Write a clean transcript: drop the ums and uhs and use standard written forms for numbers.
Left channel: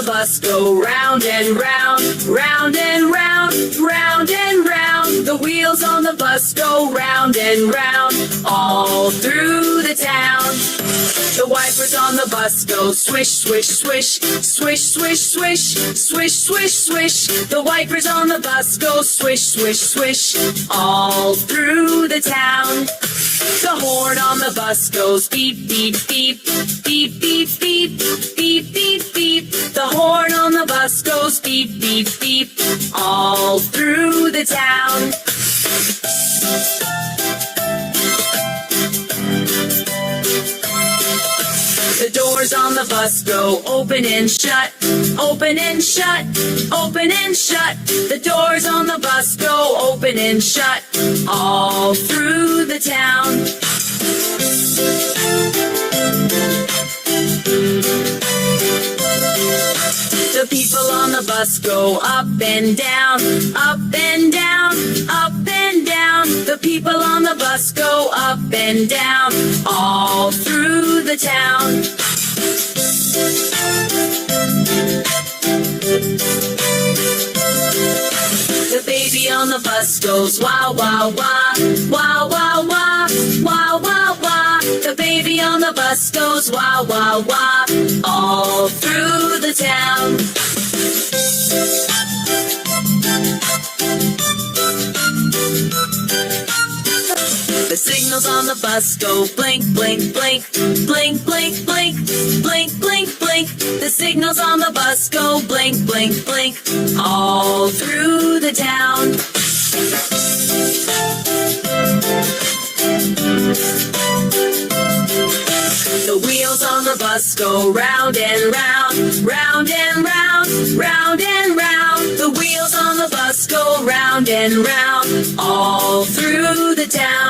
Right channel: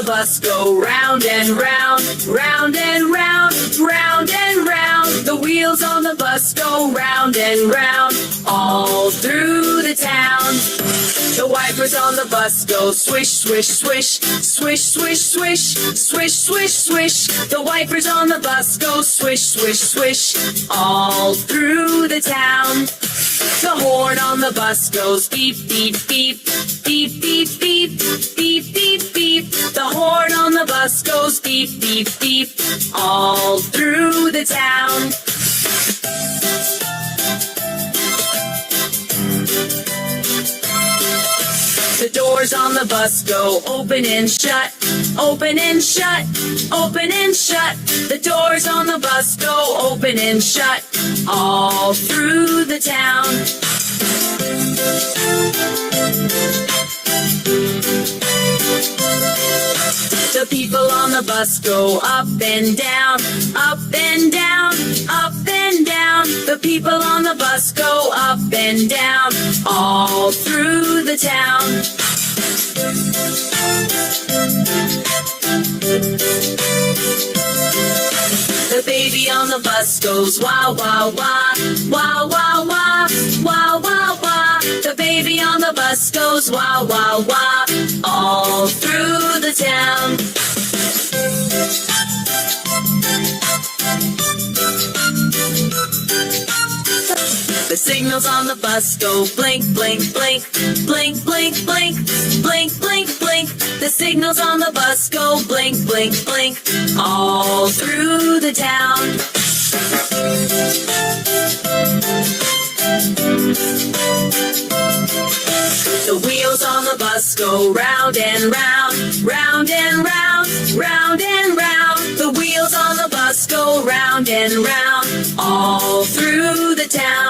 the bus go round and round, round and round, round and round. The wheels on the bus go round and round, all through the town. The wipers on the bus go swish, swish, swish, swish, swish, swish, swish, swish, swish. The wipers on the bus go swish, swish, swish, all through the town. The horn on the bus goes beep, beep, beep, beep, beep, beep, beep, beep, beep. The horn on the bus goes beep, beep, beep, all through the town. The doors on the bus go open and shut, open and shut, open and shut. The doors on the bus go open and shut, all through the town. The people on the bus go up and down, up and down, up and down. The people on the bus go up and down, all through the town. The baby on the bus goes wah, wah, wah, wah, wah, wah, wah, wah, wah. The baby on the bus goes wah, wah, wah, all through the town. The signals on the bus go blink, blink, blink, blink, blink, blink, blink, blink, blink. The signals on the bus go blink, blink, blink, all through the town. The wheels on the bus go round and round, round and round, round and round. The wheels on the bus go round and round, all through the town.